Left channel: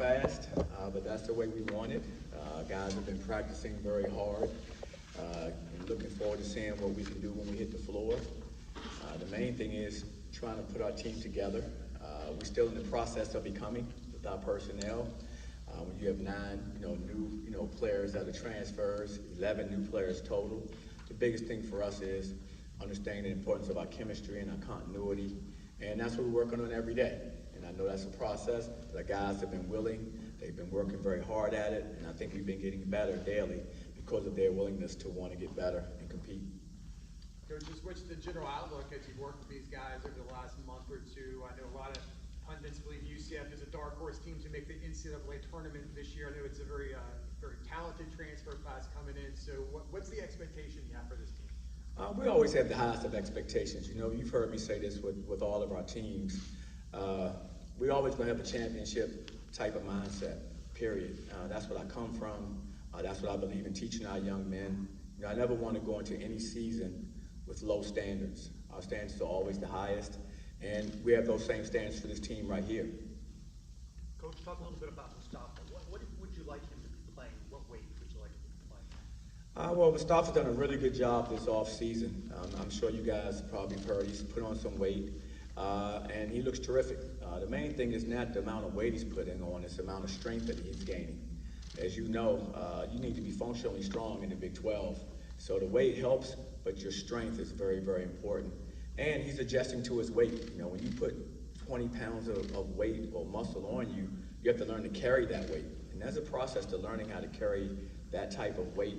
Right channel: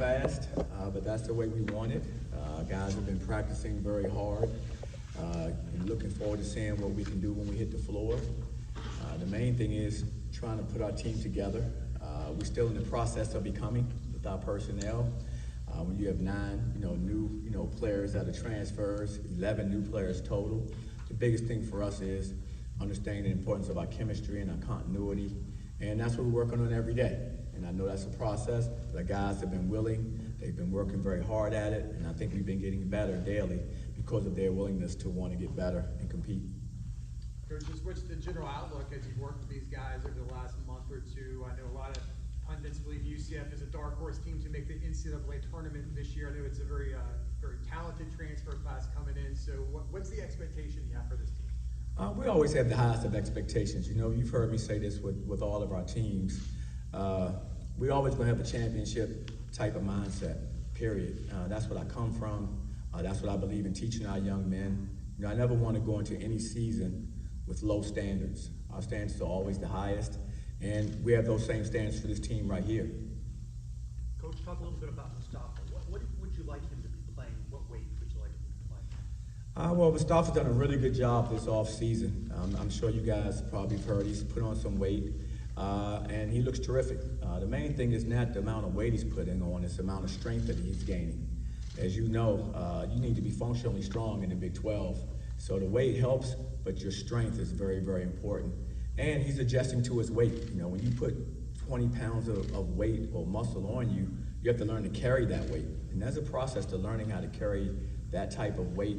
fast, but that's the way we want it. Guys have been practicing very hard and looking forward to seeing what we can do when we hit the floor. The main thing is trying to put our team together. We're still in the process of becoming with our personnel. When you have 9, new, players that are transfers, 11 new players total. The biggest thing for us is understanding the importance of our chemistry and our continuity, and that's what we're working on every day. And I know that's a process. The guys have been willing. They've been working very hard at it, and I think we've been getting better daily because of their willingness to want to get better and compete. Coach, what's the general outlook as you've worked with these guys over the last month or two? I know a lot of pundits believe UCF is a dark horse team to make the NCAA tournament this year. I know it's a very talented transfer class coming in. So what's the expectation you have for this team? We always have the highest of expectations. You've heard me say this with all of our teams. We always going to have a championship type of mindset, period. That's what I come from. That's what I believe in teaching our young men. I never want to go into any season with low standards. Our standards are always the highest, and we have those same standards for this team right here. Coach, talk a little bit about Mustafa. What would you like him to be playing? What weight would you like him to play? Well, Mustafa's done a really good job this offseason. I'm sure you guys probably have heard he's put on some weight, and he looks terrific. The main thing is not the amount of weight he's putting on, it's the amount of strength that he's gaining. As you know, you need to be functionally strong in the Big 12. So the weight helps, but your strength is very, very important. And he's adjusting to his weight. When you put 20 pounds of weight or muscle on you, you have to learn to carry that weight. And there's a process to learning how to carry that type of weight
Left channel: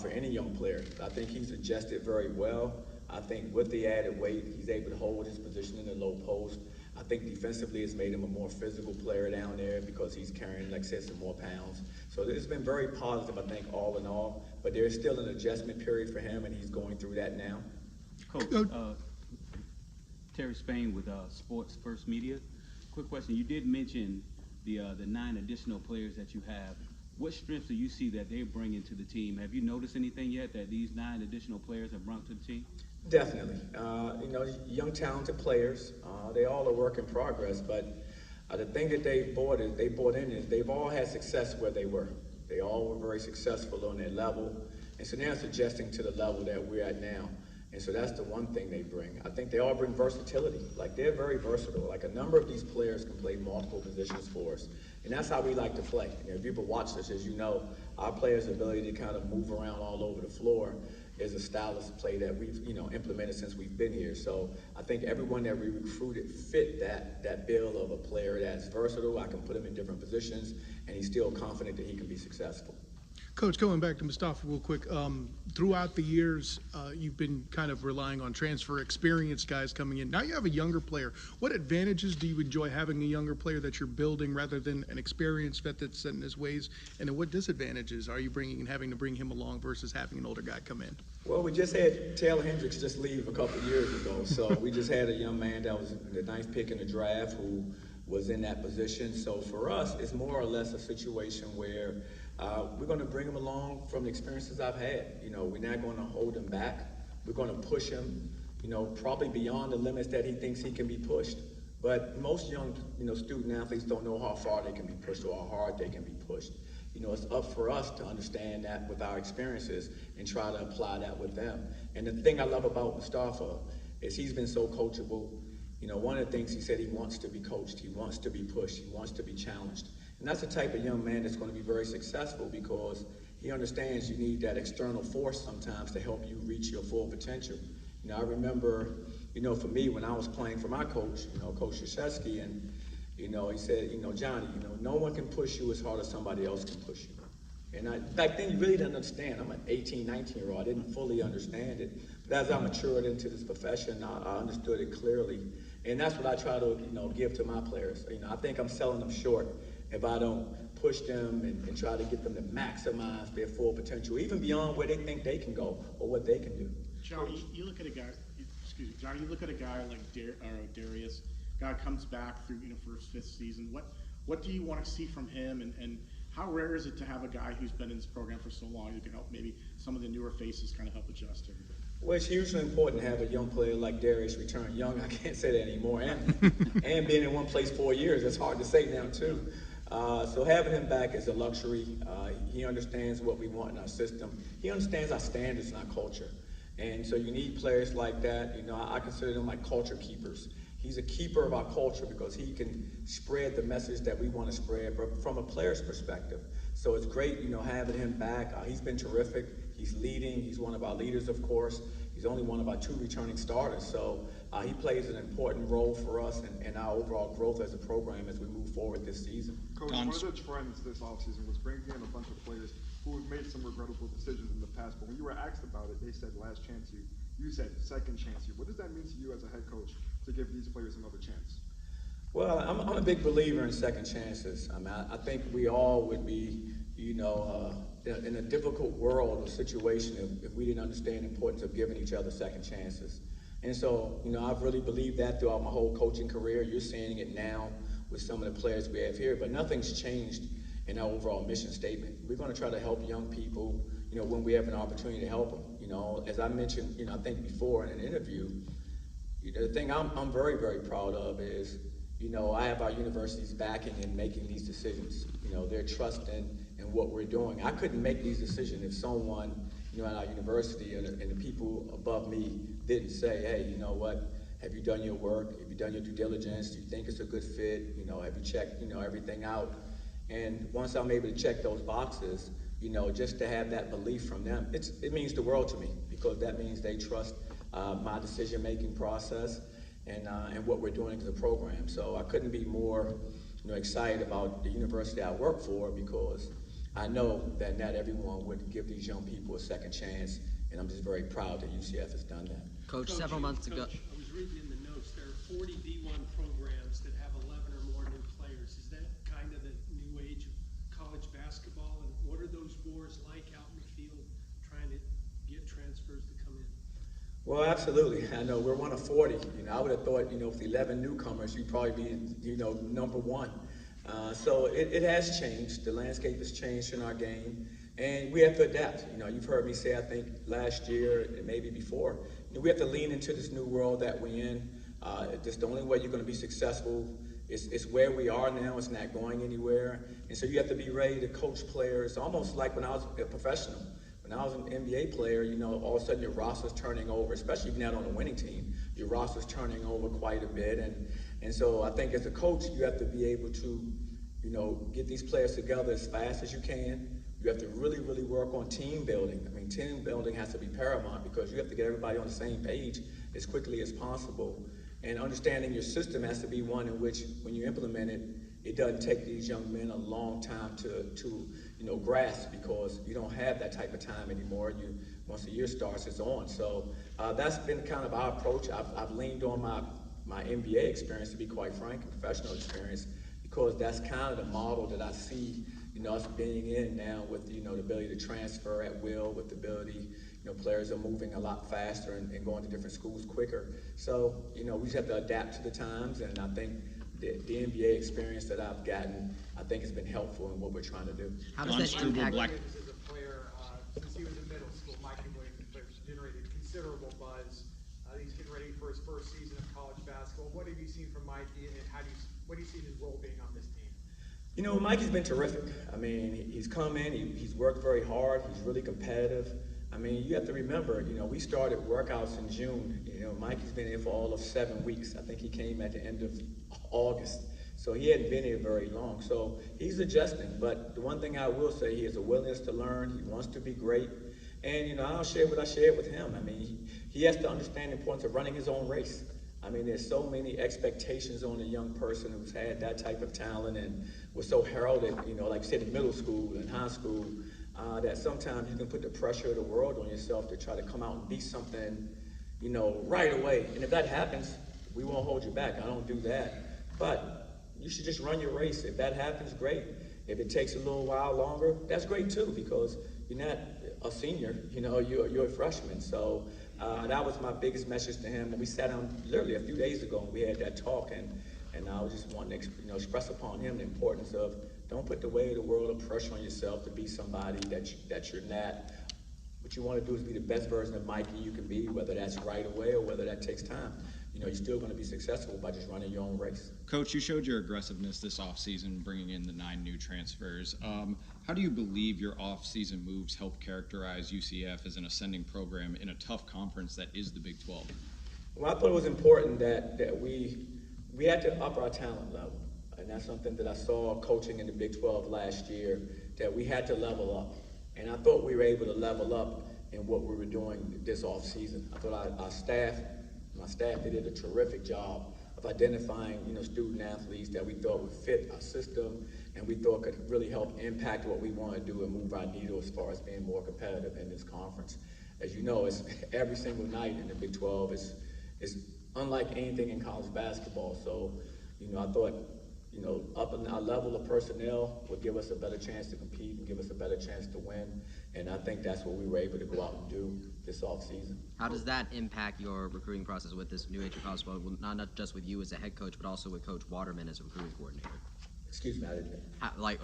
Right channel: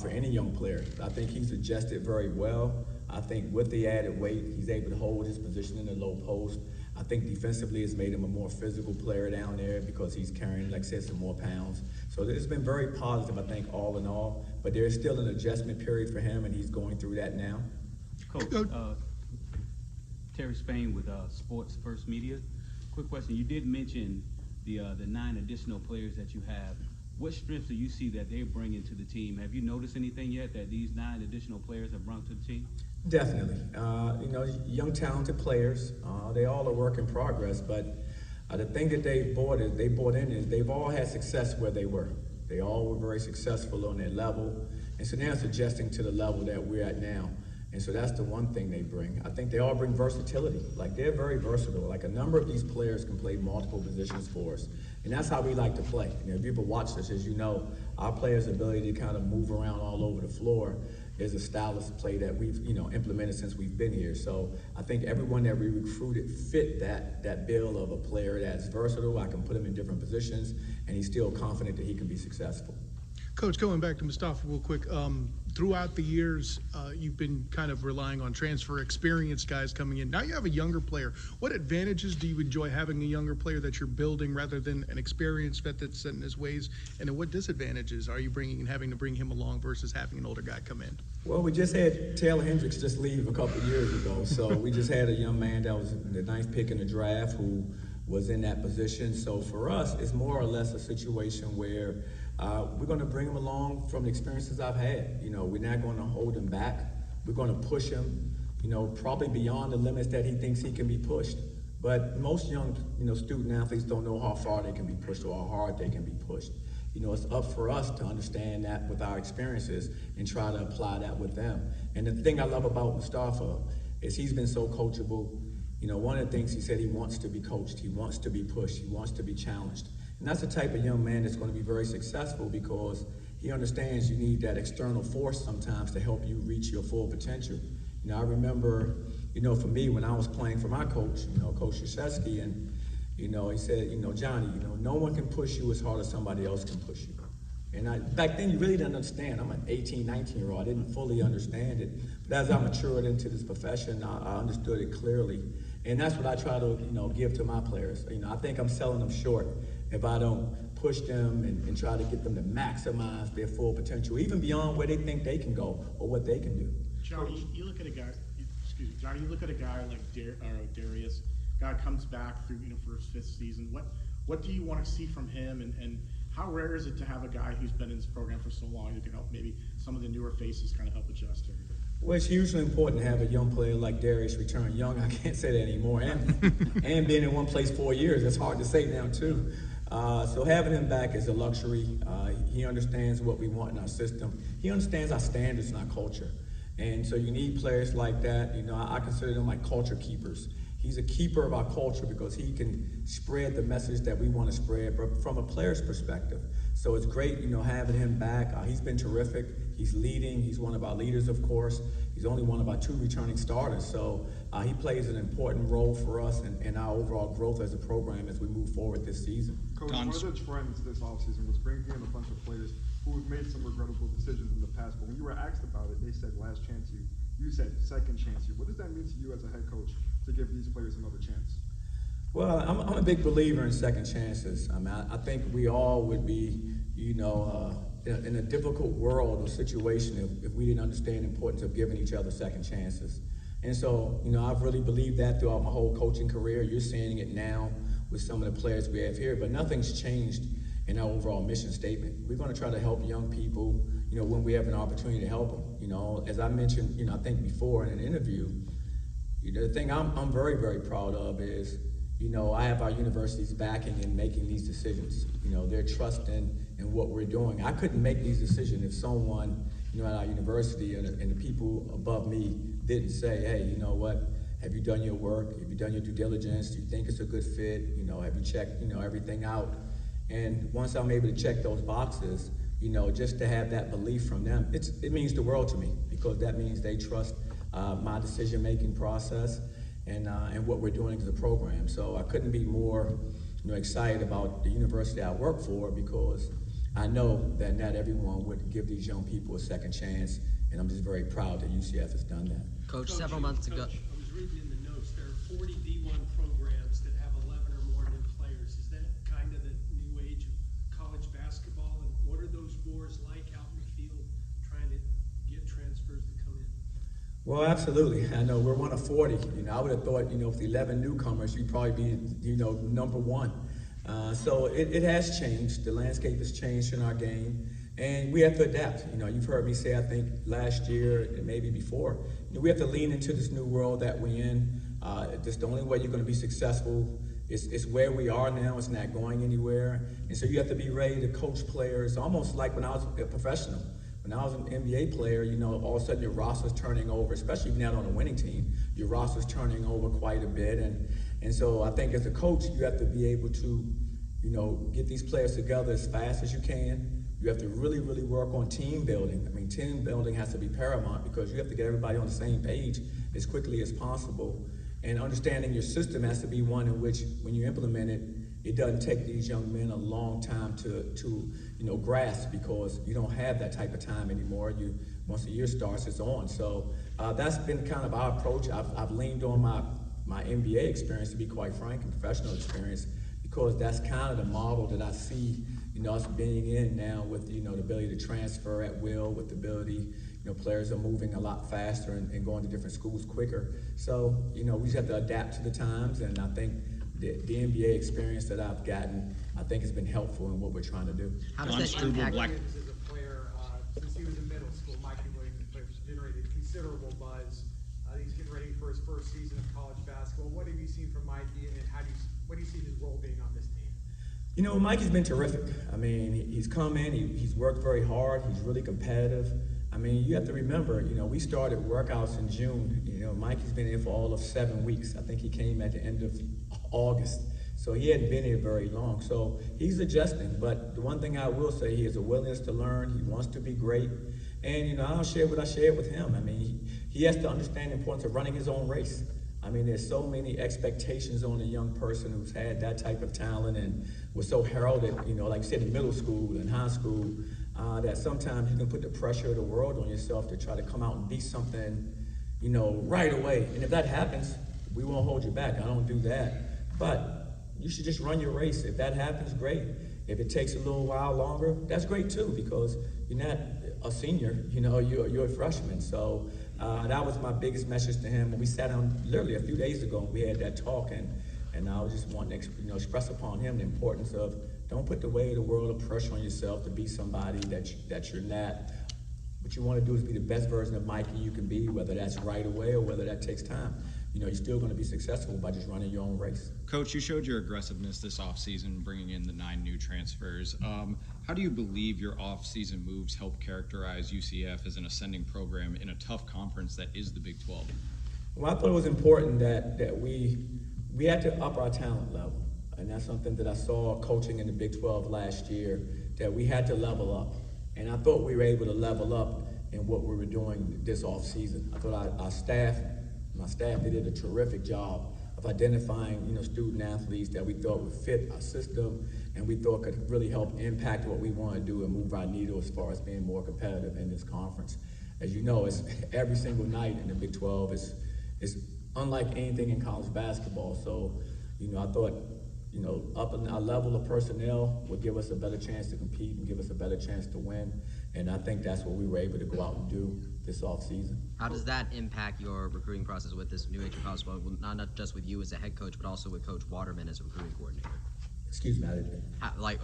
for any young player. I think he's adjusted very well. I think with the added weight, he's able to hold his position in the low post. I think defensively it's made him a more physical player down there because he's carrying, like I said, some more pounds. So it's been very positive, I think, all in all. But there's still an adjustment period for him, and he's going through that now. Coach, Terry Spain with Sports First Media. Quick question. You did mention the 9 additional players that you have. What strengths do you see that they're bringing to the team? Have you noticed anything yet that these 9 additional players have brought to the team? Definitely. Young, talented players. They all are work in progress, but the thing that they brought in is they've all had success where they were. They all were very successful on their level, and so they're adjusting to the level that we're at now. And so that's the one thing they bring. I think they all bring versatility. Like, they're very versatile. Like, a number of these players can play multiple positions for us. And that's how we like to play. If you've watched us, as you know, our players' ability to kind of move around all over the floor is a style of play that we've, implemented since we've been here. So I think everyone that we recruited fit that bill of a player that's versatile. I can put him in different positions, and he's still confident that he can be successful. Coach, going back to Mustafa real quick, throughout the years, you've been kind of relying on transfer experienced guys coming in. Now you have a younger player. What advantages do you enjoy having a younger player that you're building rather than an experienced vet that's set in his ways? And then what disadvantages are you bringing and having to bring him along versus having an older guy come in? Well, we just had Taylor Hendricks just leave a couple of years ago. So we just had a young man that was the 9th pick in the draft who was in that position. So for us, it's more or less a situation where we're going to bring him along from the experiences I've had. We're not going to hold him back. We're going to push him, probably beyond the limits that he thinks he can be pushed. But most young, student athletes don't know how far they can be pushed or how hard they can be pushed. It's up for us to understand that with our experiences and try to apply that with them. And the thing I love about Mustafa is he's been so coachable. One of the things he said, he wants to be coached, he wants to be pushed, he wants to be challenged. And that's the type of young man that's going to be very successful because he understands you need that external force sometimes to help you reach your full potential. I remember, for me, when I was playing for my coach, Coach Krzyzewski, and, he said, Johnny, no one can push you as hard as somebody else can push you. And back then, you really didn't understand. I'm an 18, 19-year-old. I didn't fully understand it. But as I matured into this profession, I understood it clearly. And that's what I try to, give to my players. I think I'm selling them short if I don't push them and try to get them to maximize their full potential, even beyond where they think they can go or what they can do. Johnny, you look at a guy. Johnny, you look at a guy like Darius. Guy comes back through for his 5th season. What do you want to see from him, and how rare is it to have a guy who's been in this program for so long who can help maybe some of the newer faces kind of help adjust to him? Well, it's hugely important to have a young player like Darius return young. I can't say that anymore. And being in one place 4 years, it's hard to say now too. So having him back is a luxury. He understands what we want in our system. He understands our standards and our culture. And so you need players like that. You know, I consider them like culture keepers. He's a keeper of our culture because he can spread the message that we want to spread, but from a player's perspective. So it's great, you know, having him back. He's been terrific. He's leading. He's one of our leaders, of course. He's only one of our 2 returning starters. So he plays an important role for us in our overall growth as a program as we move forward this season. Coach, one of the trends this offseason was bringing in a bunch of players who have made some regrettable decisions in the past. But when you were asked about it, they said last chance you. You said second chance you. What does that mean to you as a head coach to give these players another chance? Well, I'm a big believer in second chances. I mean, I think we all would be, you know, in a difficult world or situation if we didn't understand the importance of giving each other second chances. And so, you know, I've really believed that throughout my whole coaching career. You're seeing it now with some of the players we have here, but nothing's changed in our overall mission statement. We're going to try to help young people, you know, when we have an opportunity to help them. You know, as I mentioned, you know, I think before in an interview, you know, the thing I'm very, very proud of is, you know, I have our universities backing and making these decisions. You know, they're trusting in what we're doing. I couldn't make these decisions if someone, you know, at our university and the people above me didn't say, hey, you know what, have you done your work? Have you done your due diligence? Do you think it's a good fit? You know, have you checked, you know, everything out? And once I'm able to check those boxes, you know, just to have that belief from them, it means the world to me, because that means they trust my decision-making process and what we're doing as a program. So I couldn't be more, you know, excited about the university I work for, because I know that not everyone would give these young people a second chance, and I'm just very proud that UCF has done that. Coach, several months ago. Coach, I was reading in the notes, there are 40 D1 programs that have 11 or more new players. Is that kind of the new age of college basketball? And what are those wars like out in the field trying to get transfers to come in? Well, absolutely. I know we're one of 40. You know, I would have thought, you know, with 11 newcomers, you'd probably be, you know, number one. So it has changed. The landscape has changed in our game, and we have to adapt. You know, you've heard me say, I think last year and maybe before, you know, we have to lean into this new world that we're in. Just the only way you're going to be successful is where we are now. It's not going anywhere, and so you have to be ready to coach players, almost like when I was a professional. When I was an NBA player, you know, all of a sudden your roster's turning over, especially if you're not on a winning team. Your roster's turning over quite a bit, and so I think as a coach, you have to be able to, you know, get these players together as fast as you can. You have to really, really work on team building. I mean, team building has to be paramount, because you have to get everybody on the same page as quickly as possible. And understanding your system has to be one in which, when you implement it, it doesn't take these young men a long time to you know, grasp, because you don't have that type of time anymore. Once the year starts, it's on. So that's been kind of our approach. I've leaned on my NBA experience, to be quite frank, and professional experience, because that's kind of the model that I see, you know, us being in now, with, you know, the ability to transfer at will, with the ability, you know, players are moving a lot faster and going to different schools quicker. So, you know, we just have to adapt to the times, and I think the NBA experience that I've gotten, I think has been helpful in what we're trying to do. How does that impact? Williams as a player, since he was in middle school, Mikey Williams has generated considerable buzz. He's getting ready for his first season of college basketball. What have you seen from Mikey, and what do you see his role being on this team? You know, Mikey's been terrific. I mean, he's come in, he's worked very hard, he's really competitive. I mean, you have to remember, you know, we started workouts in June. You know, Mikey's been in for all of 7 weeks. I think he came at the end of August. So he hadn't been here very long. So he's adjusting. But the one thing I will say, he has a willingness to learn. He wants to be great. And, you know, I'll share what I shared with him. I mean, he has to understand the importance of running his own race. I mean, there's so many expectations on a young person who's had that type of talent and was so heralded, you know, like I said, in middle school and high school, that sometimes you can put the pressure of the world on yourself to try to come out and be something, you know, right away. And if that happens, we won't hold you back. I don't do that. But you should just run your race. If that happens, great. If it takes a little while longer, that's great too, because you're not a senior, you know, you're a freshman. So that was my biggest message to him. And we sat down literally a few days ago and we had that talk, and I was just wanting to, you know, express upon him the importance of, don't put the weight of the world of pressure on yourself to be somebody that you're not. What you want to do is be the best version of Mikey you can be, whether that's right away or whether that takes time. you're still going to be successful by just running your own race. Coach, you showed your aggressiveness this offseason, bringing in the 9 new transfers. How do you believe your offseason moves help characterize UCF as an ascending program in a tough conference that is the Big 12? Well, I thought it was important that we had to up our talent level. And that's something that I saw coaching in the Big 12 last year, that we had to level up. And I thought we were able to level up in what we were doing this offseason. I thought my staff, they did a terrific job of identifying, student athletes that we thought would fit our system and we thought could really help impact what we want to do and move our needle as far as being more competitive in this conference. As you know, it's every single night in the Big 12. It's unlike anything in college basketball. So, I thought, upping our level of personnel would give us a better chance to compete and give us a better chance to win. And I think that's what we were able to go out and do this offseason. How does that impact your recruiting process with this new HFL squad, not just with you as a head coach, but also with Coach Waterman as a recruiting coordinator? Excuse me, I didn't.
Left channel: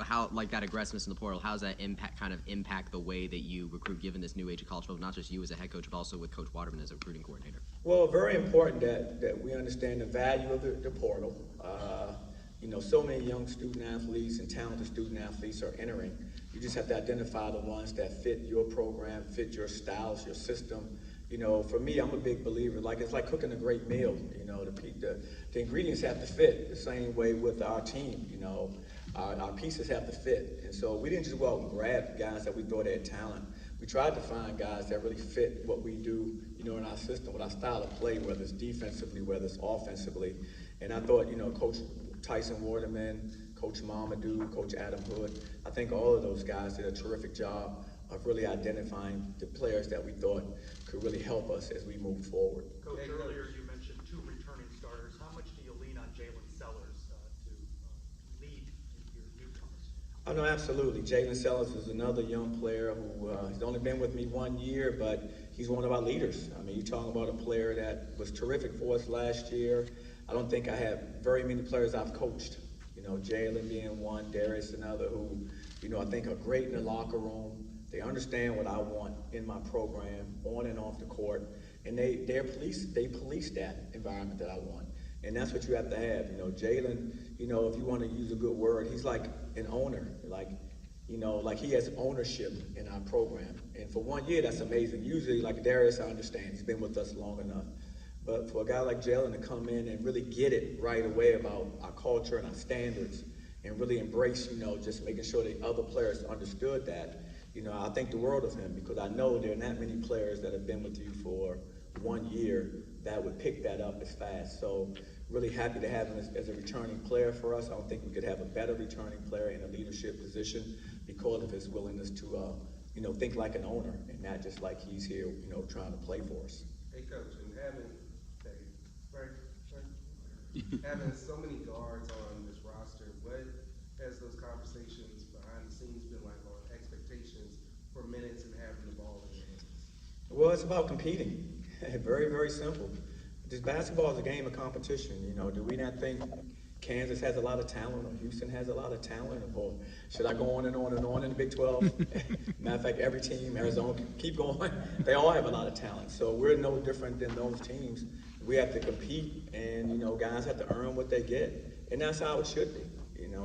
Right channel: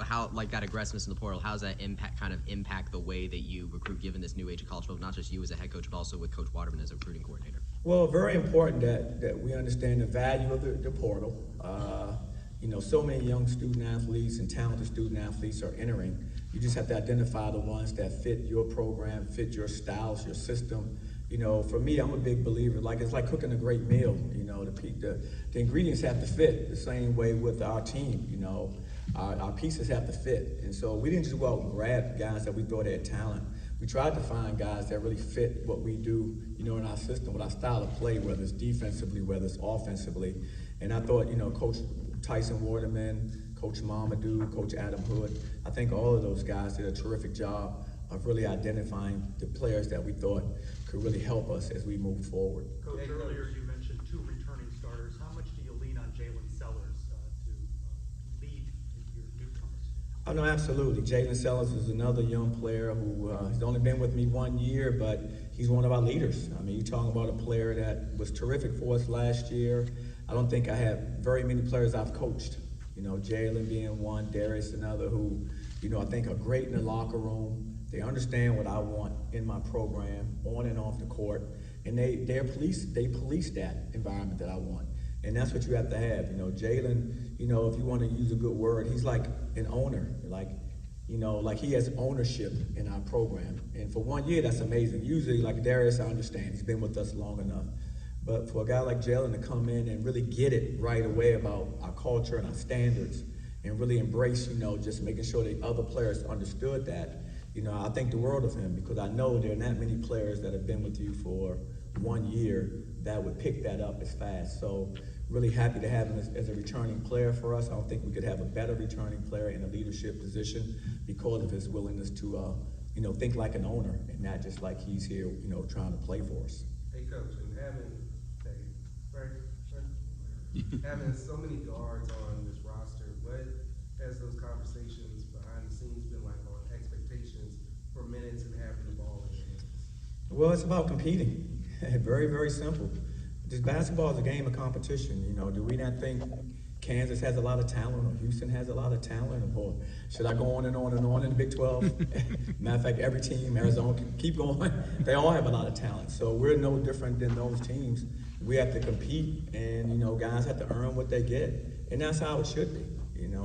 How that aggressiveness in the portal, how does that impact the way that you recruit, given this new age of college football, not just you as a head coach, but also with Coach Waterman as a recruiting coordinator? Well, very important that we understand the value of the portal. So many young student athletes and talented student athletes are entering. You just have to identify the ones that fit your program, fit your styles, your system. For me, I'm a big believer, it's like cooking a great meal. The ingredients have to fit the same way with our team. Our pieces have to fit. And so we didn't just go out and grab guys that we thought had talent. We tried to find guys that really fit what we do, in our system, with our style of play, whether it's defensively, whether it's offensively. And I thought, Coach Tyson Waterman, Coach Mamadou, Coach Adam Hood, I think all of those guys did a terrific job of really identifying the players that we thought could really help us as we move forward. Coach, earlier you mentioned 2 returning starters. How much do you lean on Jalen Sellers to lead your newcomers? Oh, no, absolutely. Jalen Sellers is another young player who has only been with me 1 year, but he's one of our leaders. I mean, you're talking about a player that was terrific for us last year. I don't think I have very many players I've coached. Jalen being one, Darius another, who, I think are great in the locker room. They understand what I want in my program, on and off the court, and they police that environment that I want. And that's what you have to have. Jalen, if you want to use a good word, he's like an owner, like he has ownership in our program. And for 1 year, that's amazing. Usually, like Darius, I understand, he's been with us long enough. But for a guy like Jalen to come in and really get it right away about our culture and our standards and really embrace, just making sure that other players understood that, I think the world of him, because I know there are not many players that have been with you for 1 year that would pick that up as fast. So really happy to have him as a returning player for us. I don't think we could have a better returning player in a leadership position because of his willingness to, think like an owner and not just like he's here, trying to play for us. Hey, Coach, and having so many guards on this roster, what has those conversations behind the scenes been like on expectations for minutes and having the ball in your hands? Well, it's about competing. Very, very simple. This basketball is a game of competition. Do we not think Kansas has a lot of talent, or Houston has a lot of talent, or should I go on and on and on in the Big 12? Matter of fact, every team, Arizona, keep going. They all have a lot of talent. So we're no different than those teams. We have to compete, and guys have to earn what they get, and that's how it should be.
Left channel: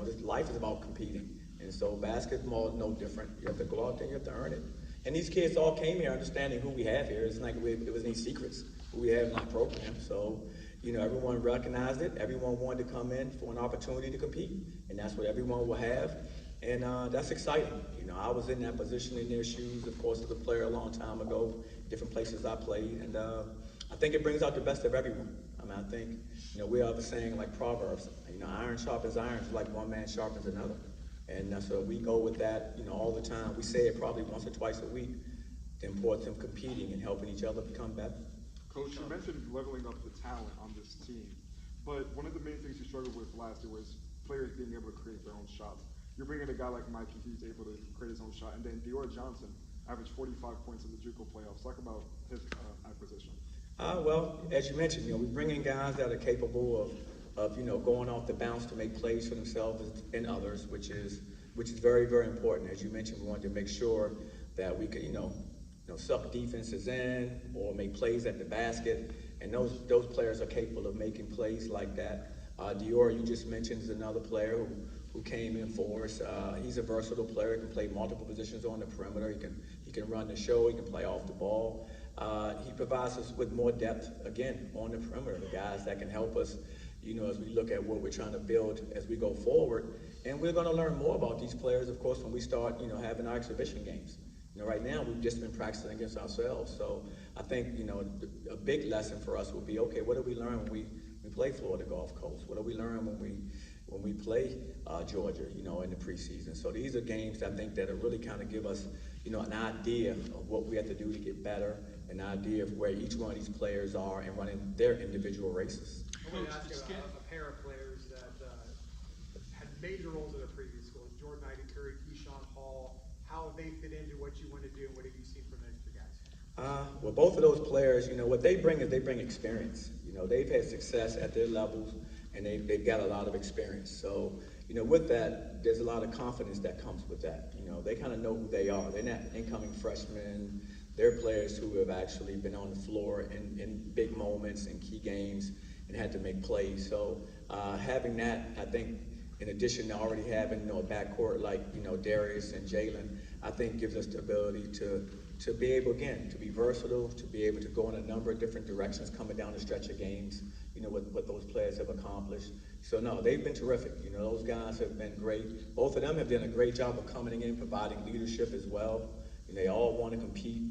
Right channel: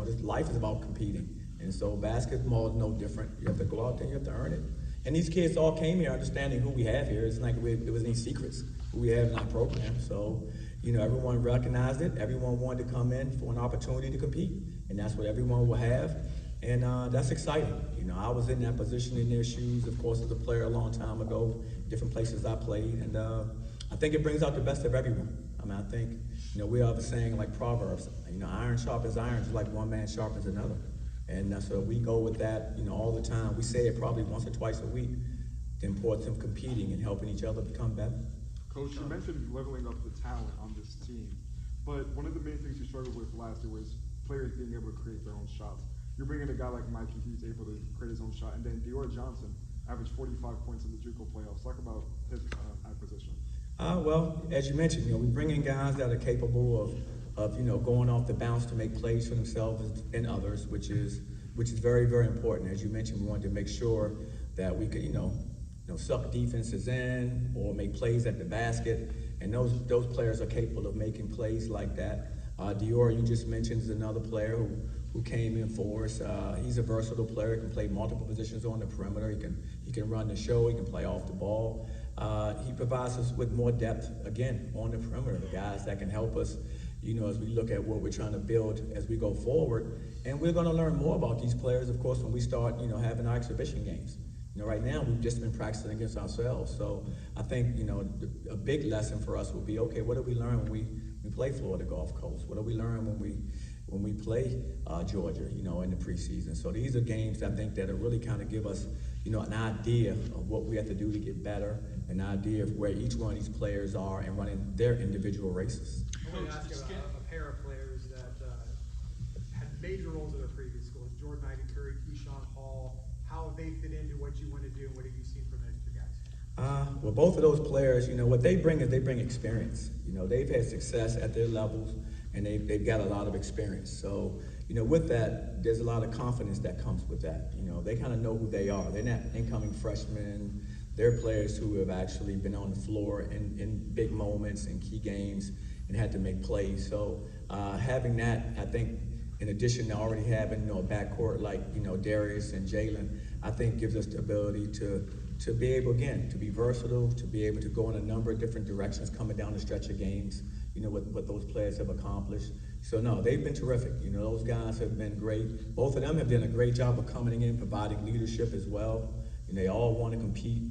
This life is about competing, and so basketball is no different. You have to go out there, you have to earn it. And these kids all came here understanding who we have here. It's like there was any secrets who we have in our program. So, everyone recognized it. Everyone wanted to come in for an opportunity to compete, and that's what everyone will have, and that's exciting. I was in that position in their shoes, of course, as a player a long time ago, different places I played, and I think it brings out the best of everyone. I think, we have a saying like Proverbs, iron sharpens iron, just like one man sharpens another. And so we go with that, all the time. We say it probably once or twice a week, the importance of competing and helping each other become better. Coach, you mentioned leveling up the talent on this team, but one of the main things you struggled with last year was players being able to create their own shots. You're bringing a guy like Mikey, who's able to create his own shot, and then Dior Johnson averaged 45 points in the JUCO playoffs. Talk about his acquisition. Well, as you mentioned, we bring in guys that are capable of going off the bounce to make plays for themselves and others, which is very, very important. As you mentioned, we wanted to make sure that we could, suck defenses in or make plays at the basket. and those players are capable of making plays like that. Dior, you just mentioned, is another player who came in for us. He's a versatile player. He can play multiple positions on the perimeter. He can run the show. He can play off the ball. He provides us with more depth, again, on the perimeter, the guys that can help us, as we look at what we're trying to build as we go forward. And we're going to learn more about these players, of course, when we start, having our exhibition games. Right now, we've just been practicing against ourselves. So I think, a big lesson for us will be, okay, what do we learn when we play Florida Gulf Coast? What do we learn when we play Georgia, in the preseason? So these are games, I think, that really kind of give us, an idea of what we have to do to get better, an idea of where each one of these players are and running their individual races. I'm going to ask you about a pair of players that had major roles in their previous schools, Jordan Curry, Keyshawn Hall. How have they fit into what you want to do, and what have you seen from those two guys? Well, both of those players, what they bring is they bring experience. They've had success at their levels, and they've got a lot of experience. So, with that, there's a lot of confidence that comes with that. They kind of know who they are. They're not incoming freshmen. They're players who have actually been on the floor in big moments and key games and had to make plays. So having that, I think, in addition to already having, a backcourt like, Darius and Jalen, I think gives us the ability to be able, again, to be versatile, to be able to go in a number of different directions coming down the stretch of games, what those players have accomplished. So, no, they've been terrific. Those guys have been great. Both of them have done a great job of coming in, providing leadership as well. And they all want to compete.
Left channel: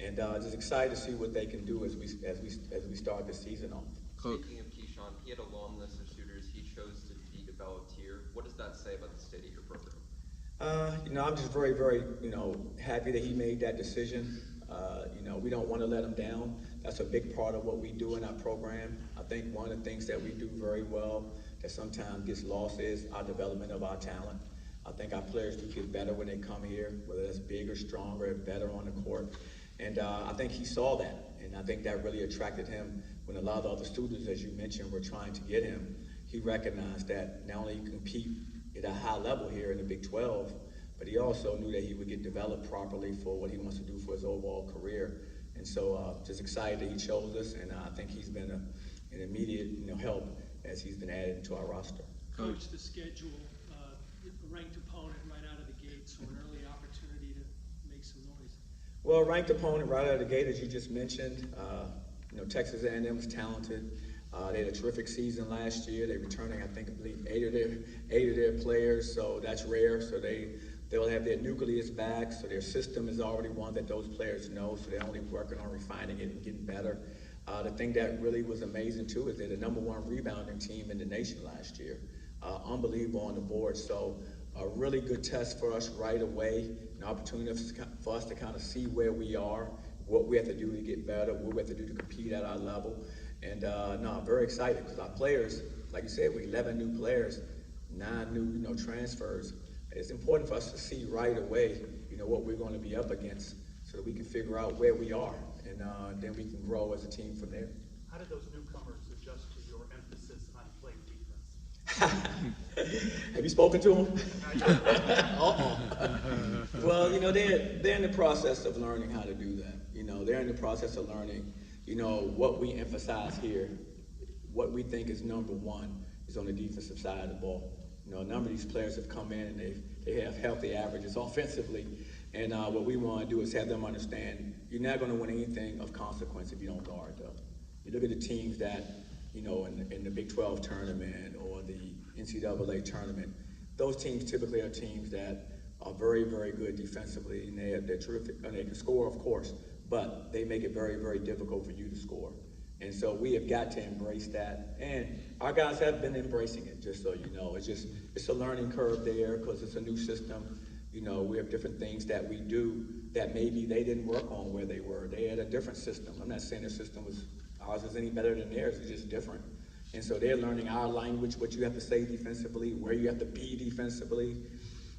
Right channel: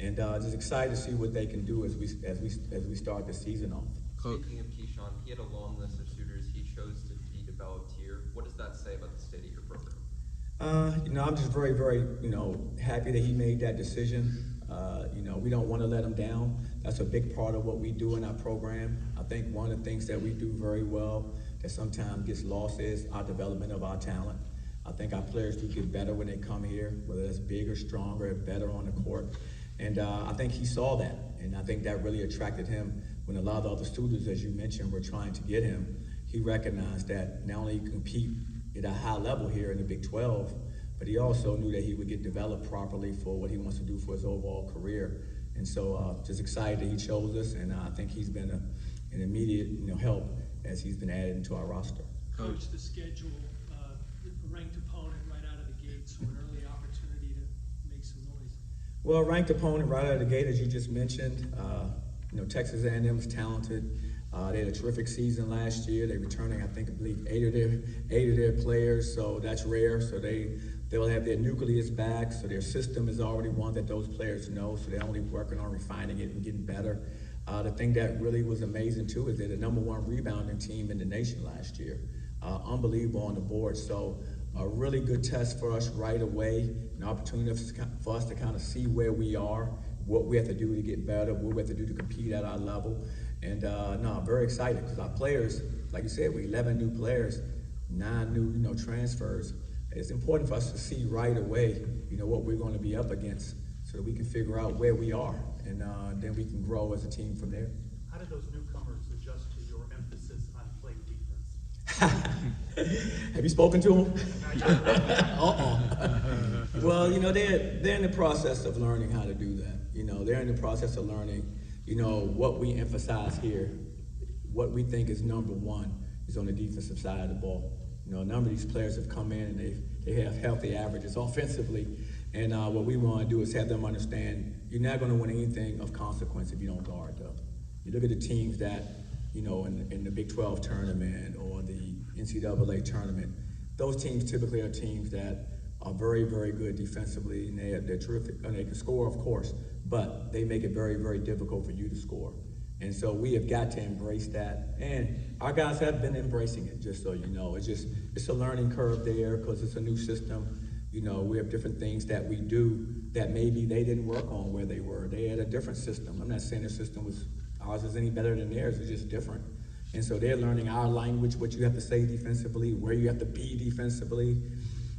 And just excited to see what they can do as we start the season off. Speaking of Keyshawn, he had a long list of suitors he chose to be developed here. What does that say about the state of your program? I'm just very, very, happy that he made that decision. We don't want to let him down. That's a big part of what we do in our program. I think one of the things that we do very well that sometimes gets lost is our development of our talent. I think our players do get better when they come here, whether it's bigger, stronger, better on the court. And I think he saw that, and I think that really attracted him. When a lot of the other students, as you mentioned, were trying to get him, he recognized that not only he compete at a high level here in the Big 12, but he also knew that he would get developed properly for what he wants to do for his overall career. And so just excited that he chose us, and I think he's been an immediate help as he's been added into our roster. Coach, the schedule, ranked opponent right out of the gate, so an early opportunity to make some noise. Well, ranked opponent right out of the gate, as you just mentioned. Texas A&M is talented. They had a terrific season last year. They're returning, I believe, eight of their players, so that's rare. So they'll have their nucleus back, so their system is already one that those players know, so they're only working on refining it and getting better. The thing that really was amazing, too, is they're the #1 rebounding team in the nation last year. Unbelievable on the board. So a really good test for us right away, an opportunity for us to kind of see where we are, what we have to do to get better, what we have to do to compete at our level. And I'm very excited because our players, like you said, we 11 new players, 9 new transfers. It's important for us to see right away, what we're going to be up against so that we can figure out where we are, and then we can grow as a team from there. How did those newcomers adjust to your emphasis on playing defense? Have you spoken to them? Well, they're in the process of learning how to do that. They're in the process of learning, what we emphasize here, what we think is #1 is on the defensive side of the ball. A number of these players have come in and they have healthy averages offensively. And what we want to do is have them understand you're not going to win anything of consequence if you don't guard, though. You look at the teams that, in the Big 12 tournament or the NCAA tournament, those teams typically are teams that are very, very good defensively, and they're terrific, and they can score, of course, but they make it very, very difficult for you to score. And so we have got to embrace that, and our guys have been embracing it, just so you know. It's a learning curve there because it's a new system. We have different things that we do that maybe they didn't work on where they were. They had a different system. I'm not saying ours is any better than theirs, it's just different. And so they're learning our language, what you have to say defensively, where you have to be defensively.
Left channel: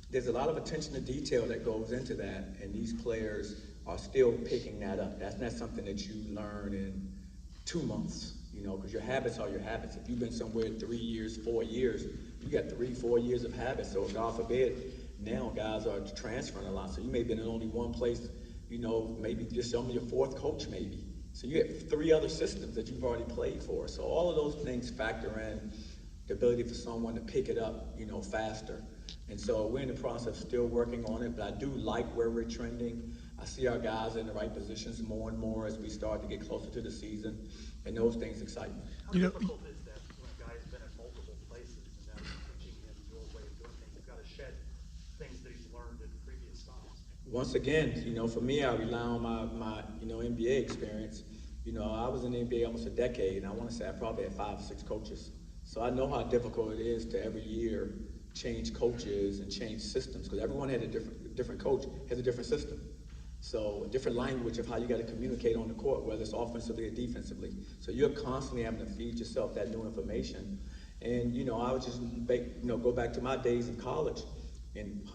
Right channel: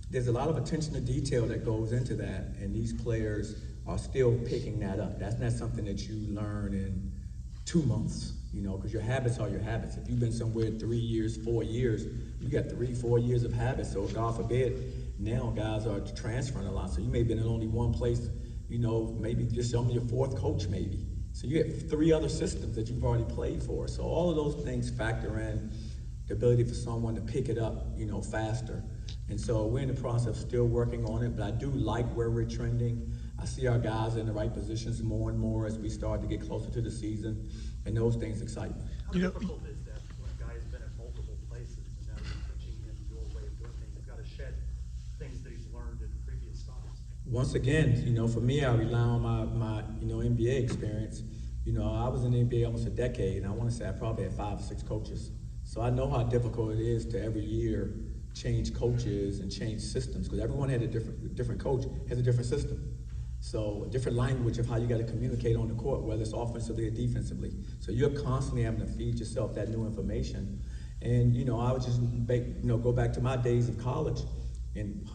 There's a lot of attention to detail that goes into that, and these players are still picking that up. That's not something that you learn in 2 months, because your habits are your habits. If you've been somewhere 3 years, 4 years, you got 3-4 years of habits. So God forbid, now guys are transferring a lot. So you may have been in only one place, maybe just only your 4th coach maybe. So you have 3 other systems that you've already played for. So all of those things factor in the ability for someone to pick it up, faster. And so we're in the process of still working on it, but I do like where we're trending. I see our guys in the right positions more and more as we start to get closer to the season, and those things excite me. How difficult is that when a guy's been at multiple places and now he's pitching in your way, he's got to shed things that he's learned in previous stops? Once again, for me, I rely on my NBA experience. I was in the NBA almost a decade, and I want to say I probably had 5 or 6 coaches. So I know how difficult it is to every year change coaches and change systems, because everyone had a different coach has a different system. So a different language of how you got to communicate on the court, whether it's offensively or defensively. So you're constantly having to feed yourself that new information. And I would just go back to my days of college and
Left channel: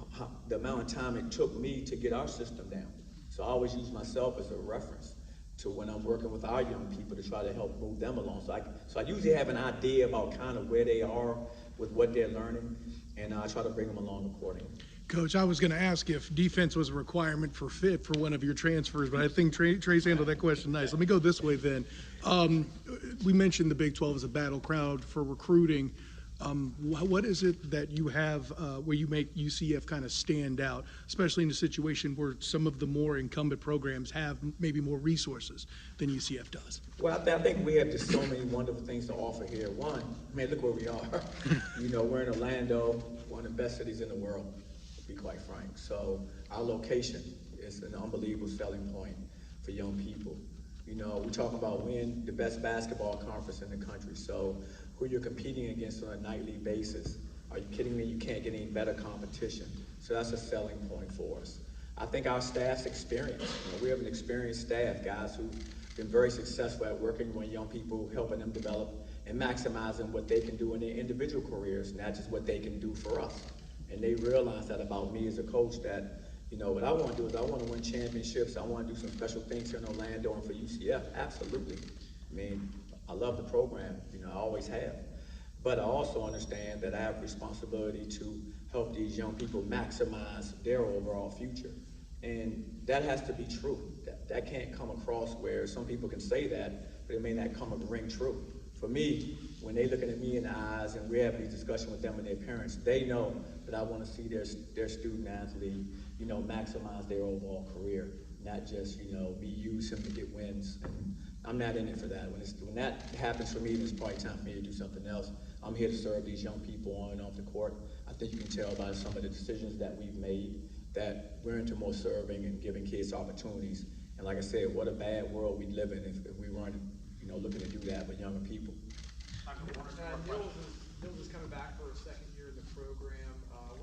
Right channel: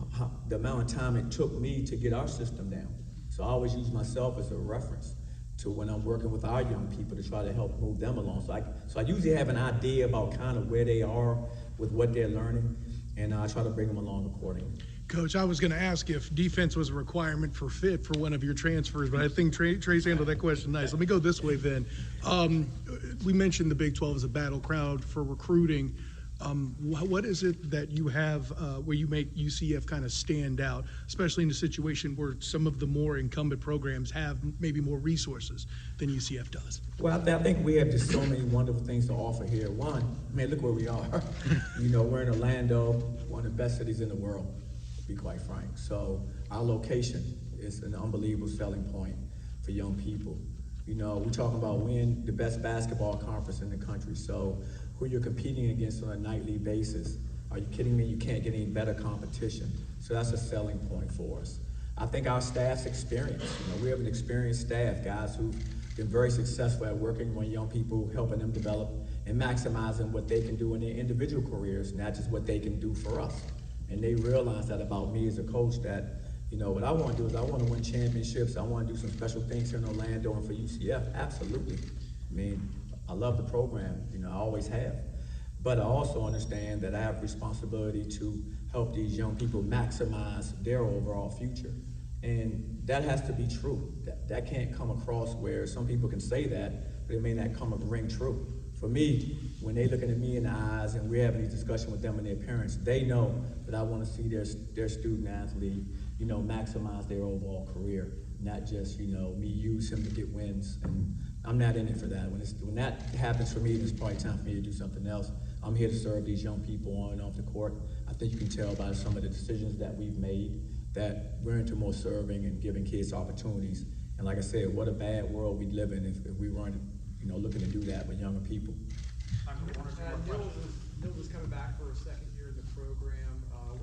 the amount of time it took me to get our system down. So I always use myself as a reference to when I'm working with our young people to try to help move them along. So I usually have an idea about kind of where they are with what they're learning, and I try to bring them along accordingly. Coach, I was going to ask if defense was a requirement for fit for one of your transfers, but I think Trey's handled that question nice. Let me go this way then. We mentioned the Big 12 is a battle crowd for recruiting. What is it that you have where you make UCF kind of stand out, especially in a situation where some of the more incumbent programs have maybe more resources than UCF does? Well, I think we have just so many wonderful things to offer here. One, look where we are. We're in Orlando, one of the best cities in the world, to be quite frank. So our location is an unbelievable selling point for young people. We talk about winning the best basketball conference in the country. So who you're competing against on a nightly basis. Are you kidding me? You can't get any better competition. So that's a selling point for us. I think our staff's experience. We have an experienced staff, guys who've been very successful at working with young people, helping them develop and maximizing what they can do in their individual careers, not just what they can do for us. And they realize that about me as a coach, that what I want to do is I want to win championships. I want to do some special things here in Orlando and for UCF. Absolutely. I love the program, I always have. But I also understand that I have responsibility to help these young people maximize their overall future. And that has to be true. That can't come across where some people can say that, but it may not ring true. For me, when they're looking at me in the eyes and we're having these discussions with them and their parents, they know that I want to see their student athlete, maximize their overall career, not just, me use him to get wins. And I'm not in it for that. When that happens for me, then it's probably time for me to do something else. I'm here to serve these young people on and off the court. I think you can tell by some of the decisions that we've made that we're into more serving and giving kids opportunities. And like I said, what a bad world we'd live in if we weren't, looking to do that with younger people. Nils is coming back for his second year in the program.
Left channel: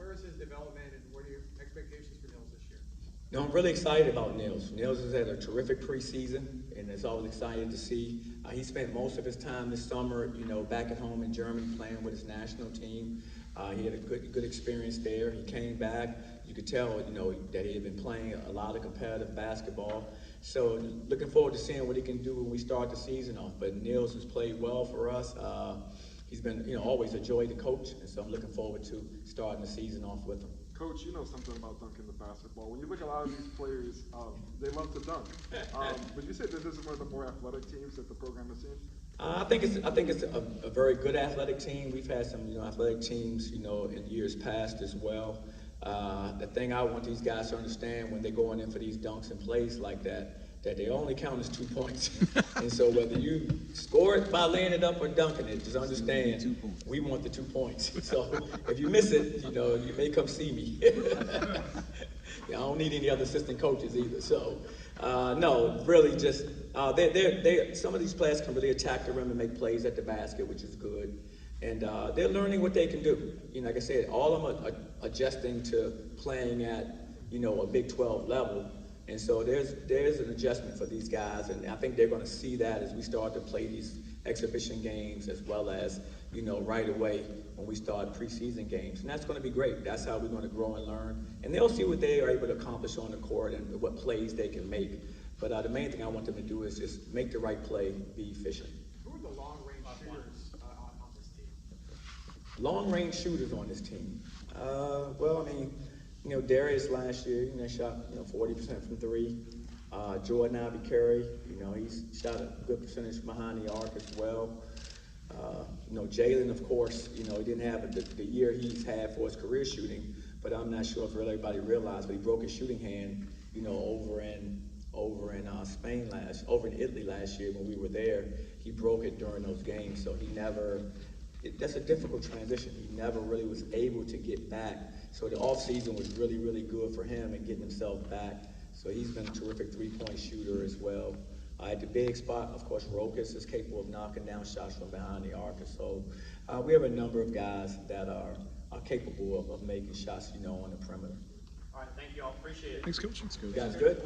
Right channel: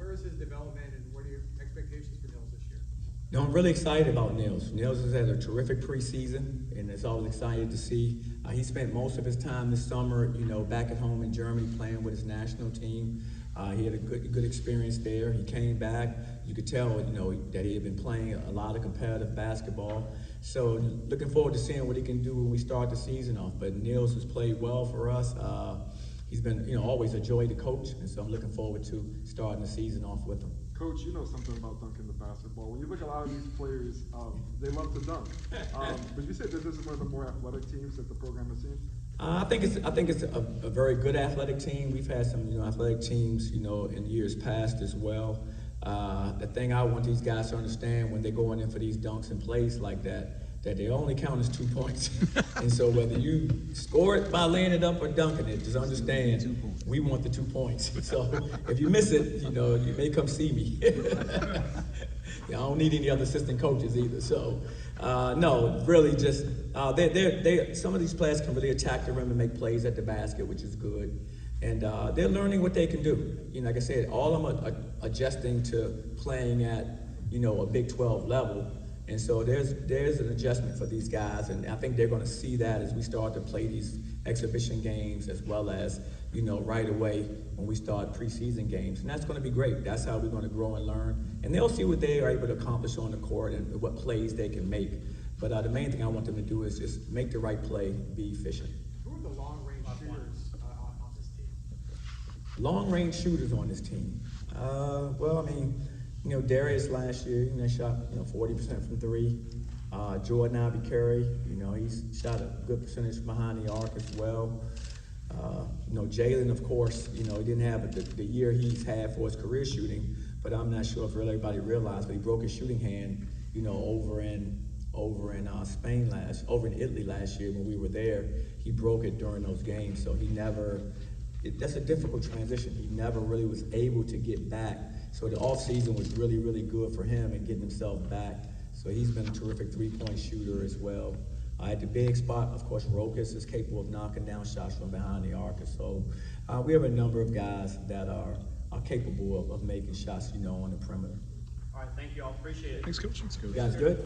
Where is his development and what are your expectations for Nils this year? I'm really excited about Nils. Nils has had a terrific preseason, and it's always exciting to see. He spent most of his time this summer, back at home in Germany playing with his national team. He had a good experience there. He came back. You could tell, that he had been playing a lot of competitive basketball. So looking forward to seeing what he can do when we start the season off. But Nils has played well for us. He's been, always a joy to coach, and so I'm looking forward to starting the season off with him. Coach, you know something about dunking the basketball. When you look at a lot of these players, they love to dunk. Would you say that this is one of the more athletic teams that the program has seen? I think it's a very good athletic team. We've had some athletic teams in years past as well. The thing I want these guys to understand when they're going in for these dunks and plays like that they only count as 2 points. And so whether you score it by laying it up or dunking it, just understand we want the 2 points. So if you miss it, you may come see me. I don't need any other assistant coaches either. So no, really just some of these players can really attack the rim and make plays at the basket, which is good. And they're learning what they can do. Like I said, all of them are adjusting to playing at a Big 12 level. And so there's an adjustment for these guys, and I think they're going to see that as we start to play these exhibition games, as well as right away when we start preseason games, and that's going to be great. That's how we're going to grow and learn, and they'll see what they are able to accomplish on the court and what plays they can make. But the main thing I want them to do is just make the right play, be efficient. Who are the long-range shooters on this team? Long-range shooters on this team. Well, Darius last year, shot 40% from 3. Jordan Abicarry, you know, he's shot a good percentage behind the arc as well. You know, Jalen, of course, you know, he didn't have the year he's had for his career shooting, but I'm not sure if really everybody realized, but he broke his shooting hand, you know, over in Italy last year when we were there. He broke it during those games, so he never. That's a difficult transition. He never really was able to get back. So the offseason was really, really good for him in getting himself back. So he's been a terrific three-point shooter as well. At the big spot, of course, Rokas is capable of knocking down shots from behind the arc. So we have a number of guys that are capable of making shots, you know, on the perimeter. All right, thank you all. Appreciate it. Thanks, Coach. You guys good?